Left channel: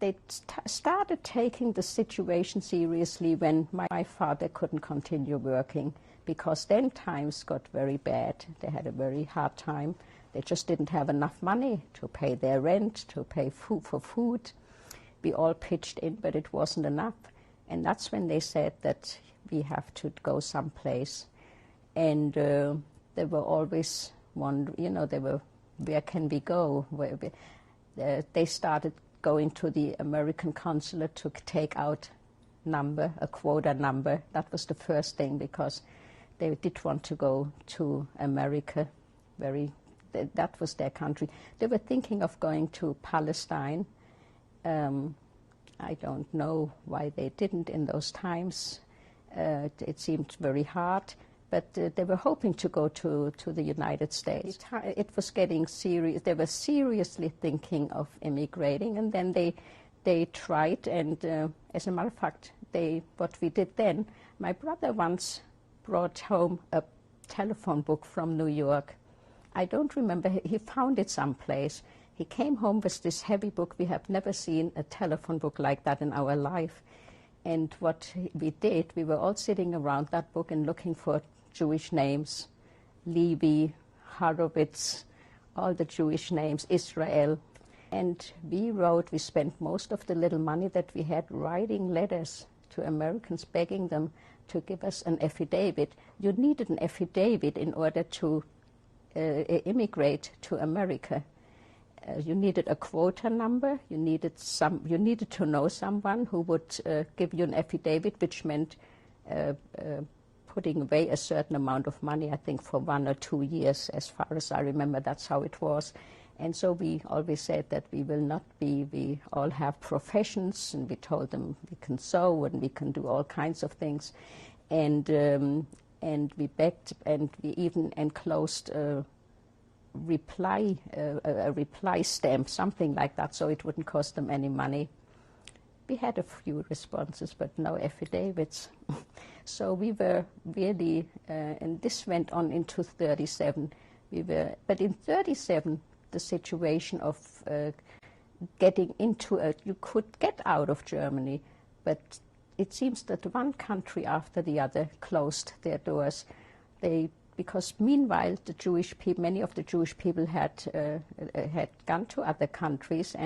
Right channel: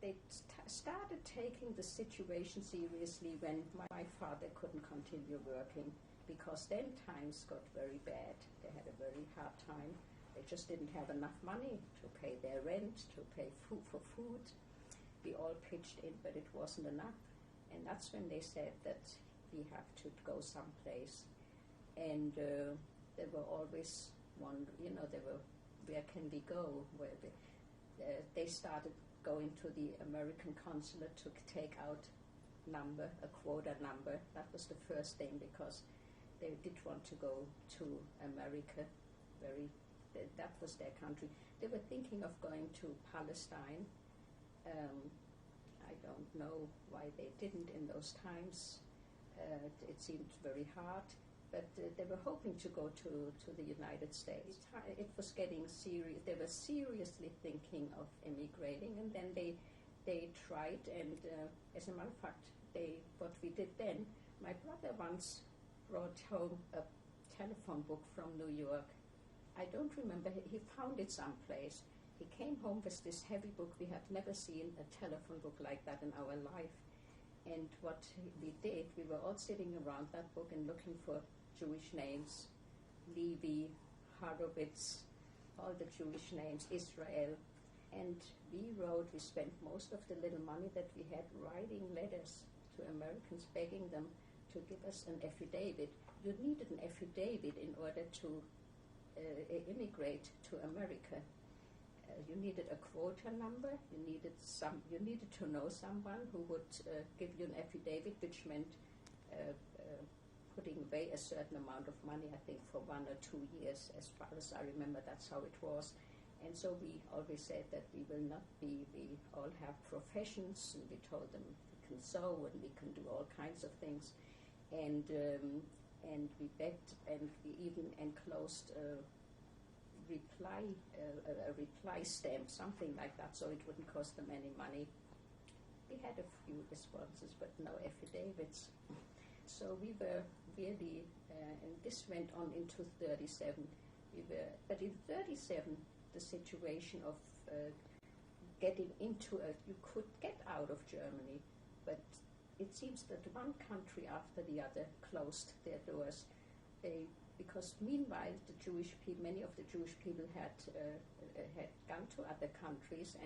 they started taking the situation seriously when my father couldn't continue working, because then times got very bad. They had a very hard time. They just didn't have enough money to pay their rent, to pay for food. We all pitched in, but it wasn't enough. And that's when they said that we have to go someplace. And they were always wondering, where can we go? They started going to the American consulate to take out a quota number. That was the first thing, because they did want to go to America. That was their country. They were thinking of going to Palestine. I don't know why they didn't in those times. It seemed very hard. But they were hoping to go to the United States. It was getting serious. They were seriously thinking of immigrating, and then they tried. And as a matter of fact, what we did then, my brother once brought home a telephone book from New York. I don't remember. He found it someplace. He came home with this heavy book. We have never seen a telephone book like that in our life. And what we did, we were all sitting around that book and looking for Jewish names, Levy, Horowitz, all the Jewish names, Israel. And we spent most of the little money that we had writing letters to Americans, begging them to give us an affidavit. You needed an affidavit in order to immigrate to America. You needed a quota number. You needed to know someone who would give you an affidavit, which meant putting away a certain amount of money, I think for 1 or 2 years, as far as I remember. That's how it was. And so we always said that we all have professions, and we told them we can sew and we can do all kinds of things. And we begged, and we even enclosed a reply stamp, something like that, so it wouldn't cost them any money. We had a few responses, but no affidavits. So we were really, and this went on into 37. But in 37, the situation of getting you could get out of Germany, but it seems that one country after the other closed their doors. Because meanwhile, many of the Jewish people had gone to other countries,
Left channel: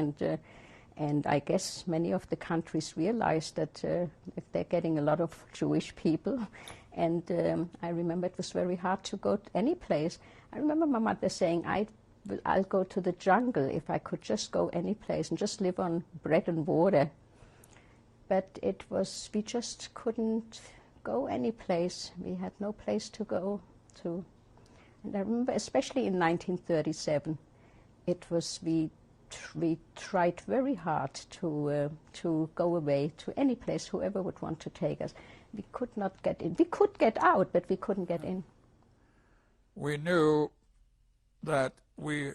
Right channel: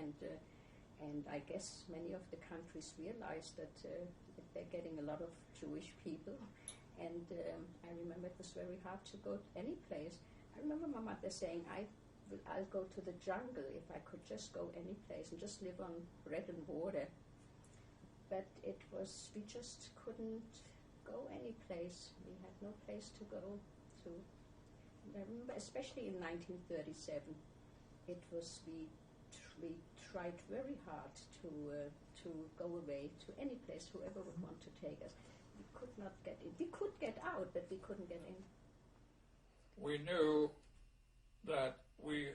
and I guess many of the countries realized that if they're getting a lot of Jewish people, and I remember it was very hard to go to any place. I remember my mother saying, I'll go to the jungle if I could just go any place and just live on bread and water. But we just couldn't go any place. We had no place to go to. And I remember, especially in 1937, we tried very hard to go away to any place, whoever would want to take us. We could not get in. We could get out, but we couldn't get in. We knew that we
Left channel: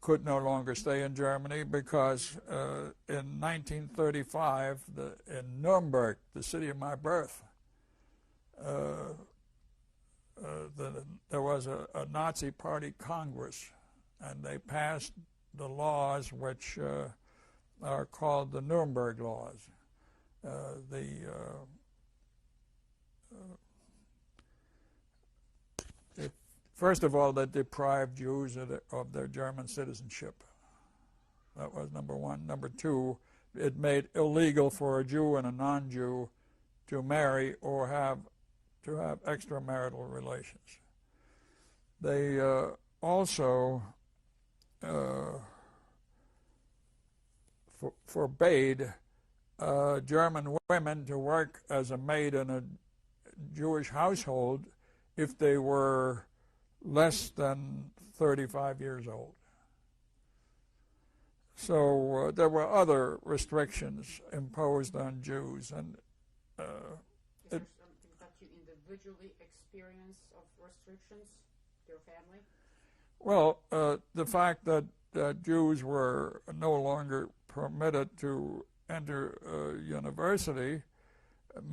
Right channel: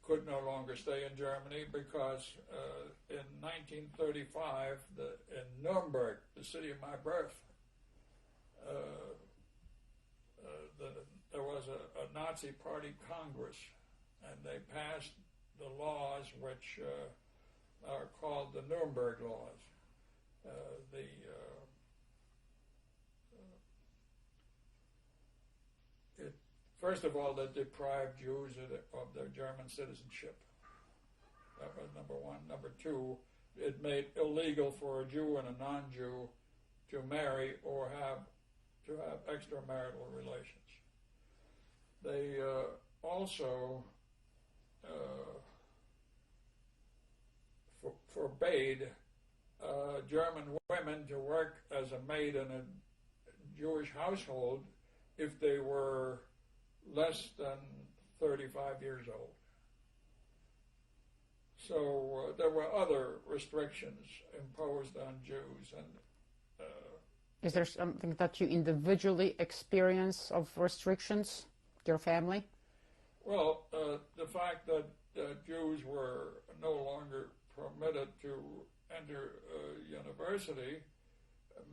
could no longer stay in Germany because in 1935, in Nuremberg, the city of my birth, there was a Nazi Party Congress, and they passed the laws which are called the Nuremberg laws. First of all, they deprived Jews of their German citizenship. That was number one. Number two, it made illegal for a Jew and a non-Jew to marry or to have extramarital relations. They also forbade German women to work as a maid in a Jewish household if they were less than 35 years old. So there were other restrictions imposed on Jews. And is there something that you individually experience of restrictions, your family? Well, the fact that Jews were no longer permitted to enter university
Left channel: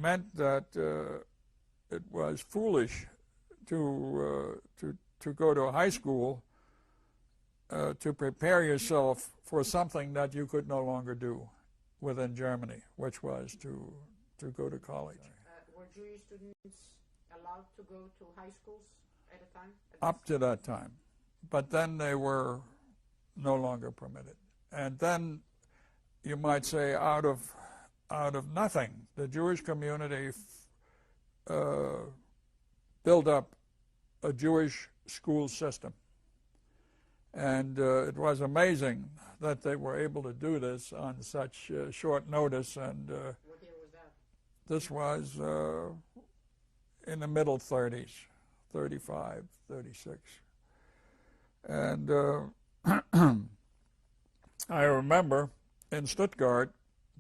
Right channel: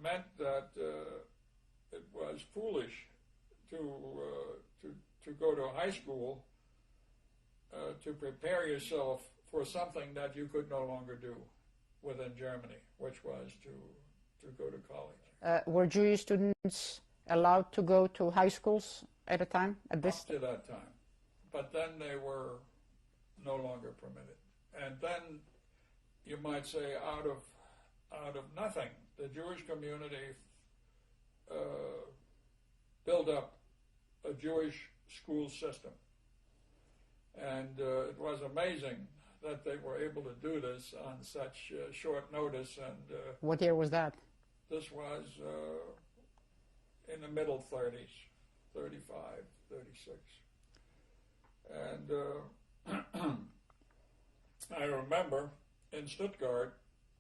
meant that it was foolish to go to a high school to prepare yourself for something that you could no longer do. within Germany, which was to go to college. Were Jewish students allowed to go to high schools at a time? Up to that time. But then they were no longer permitted. And then, you might say, out of nothing, the Jewish community built up a Jewish school system. And it was amazing that they were able to do this on such short notice. And what year was that? This was in the middle 30s, 35, 36. And I remember in Stuttgart,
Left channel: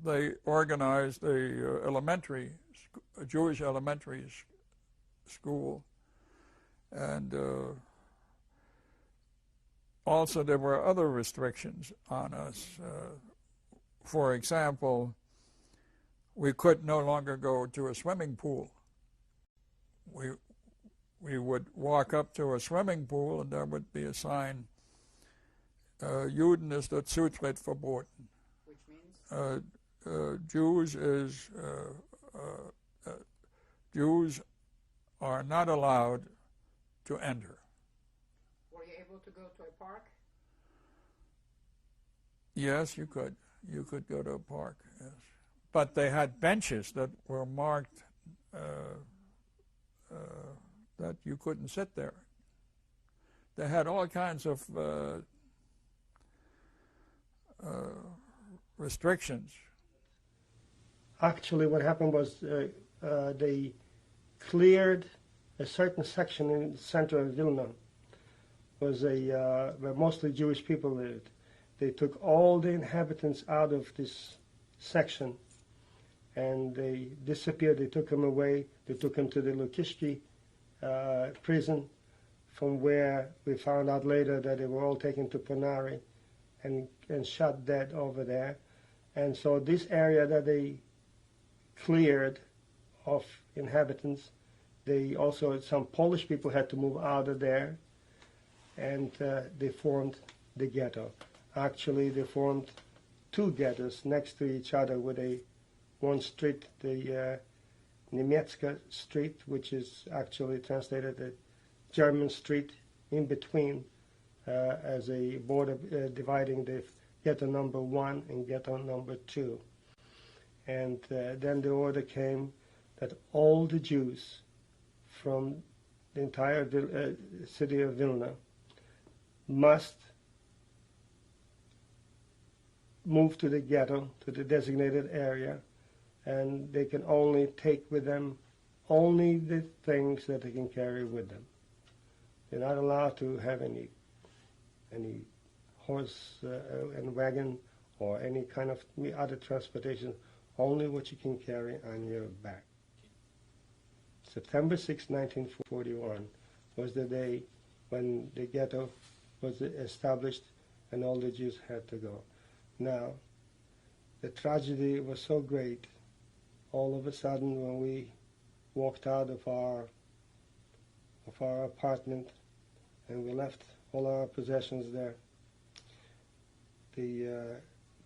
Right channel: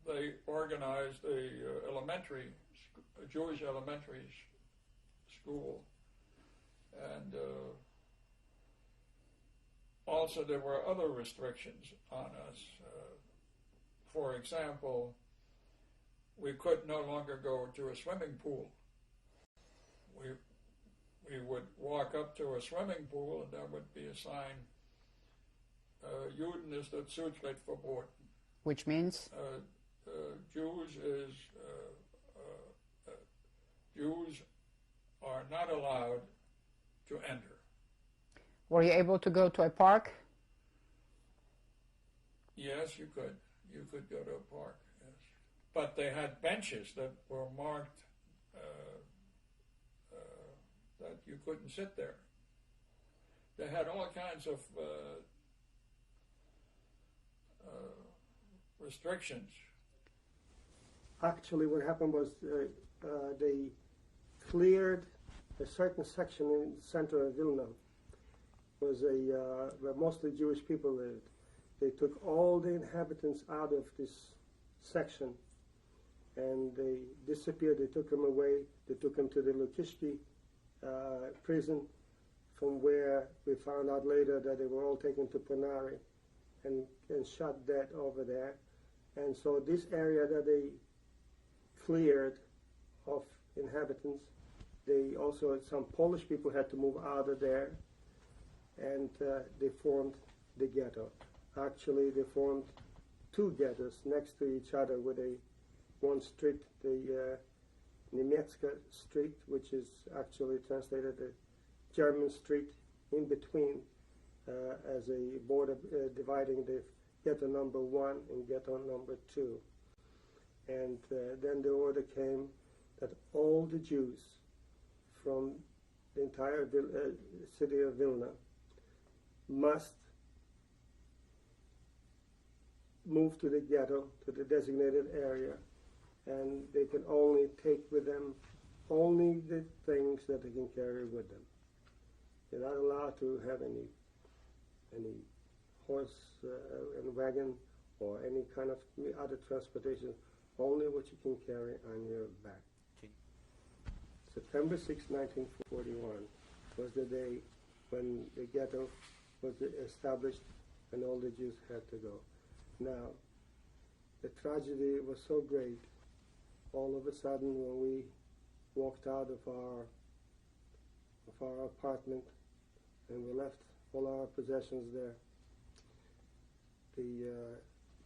they organized a Jewish elementary school. And also there were other restrictions on us. For example, we could no longer go to a swimming pool. We would walk up to a swimming pool and there would be a sign, Juden ist der Zutritt verboten. Which means? Jews are not allowed to enter. Were you able to go to a park? Yes, you could. You could go to a park, yes. But they had benches that were marked that you couldn't sit there. They had all kinds of restrictions. Actually, what happened was they cleared a certain section in the center of Vilna. Was where mostly Jewish people lived. They took all the inhabitants out of this section, and they disappeared. They took them away. They took them to the Lukishki prison, from where we found out later that they were all taken to Ponari and shot dead over there. And so this area that they cleared of inhabitants, they also, some Polish people had to move out of there, and they formed the ghetto. Actually, they formed two ghettos next to each other with one street, the Niemiecka Street, which is actually translated the German street, in between as a border dividing the ghetto number 1 and ghetto number 2. And then the order came that all the Jews from the entire city of Vilna must move to the ghetto, to the designated area, and they can only take with them only the things that they can carry with them. They're not allowed to have any horse and wagon or any kind of other transportation, only what you can carry on your back. September 6, 1941 was the day when the ghetto was established and all the Jews had to go. Now, the tragedy was so great, all of a sudden when we walked out of our apartment and we left all our possessions there, the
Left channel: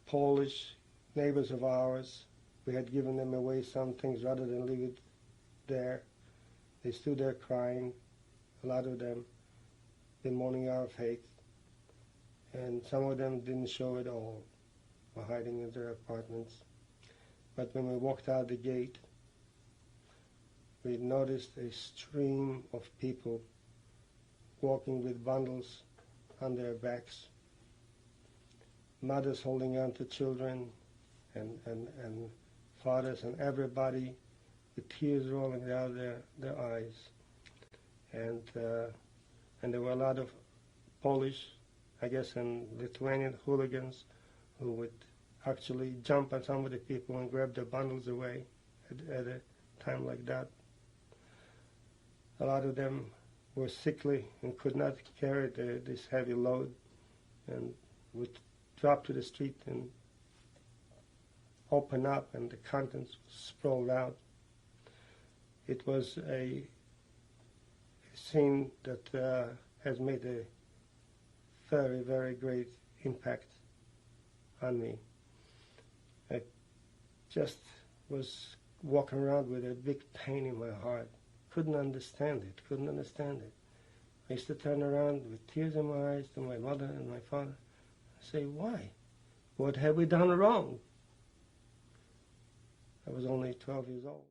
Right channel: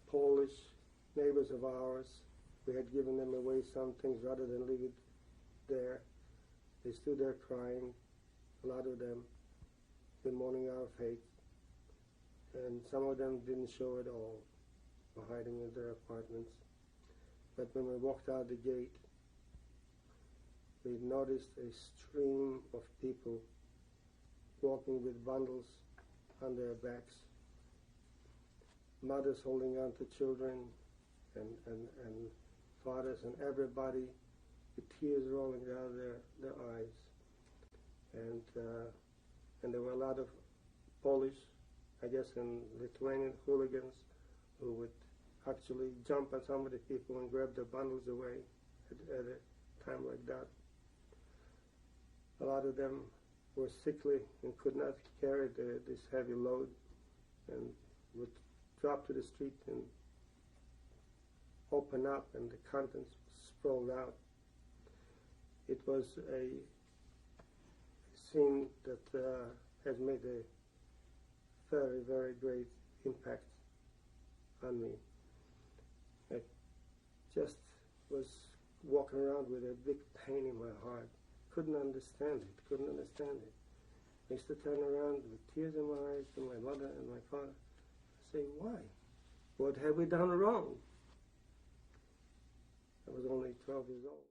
Polish neighbors of ours, we had given them away some things rather than leave it there. They stood there crying, a lot of them, in mourning our fate, and some of them didn't show at all, were hiding in their apartments. But when we walked out the gate, we noticed a stream of people walking with bundles on their backs, mothers holding on to children, and fathers and everybody with tears rolling down their eyes. And there were a lot of Polish, I guess, and Lithuanian hooligans who would actually jump on some of the people and grab their bundles away at a time like that. A lot of them were sickly and could not carry this heavy load and would drop to the street and open up, and the contents sprawled out. It was a scene that has made a very, very great impact on me. just was walking around with a big pain in my heart. Couldn't understand it, couldn't understand it. I used to turn around with tears in my eyes to my mother and my father. I say, why? What have we done wrong? I was only 12 years old.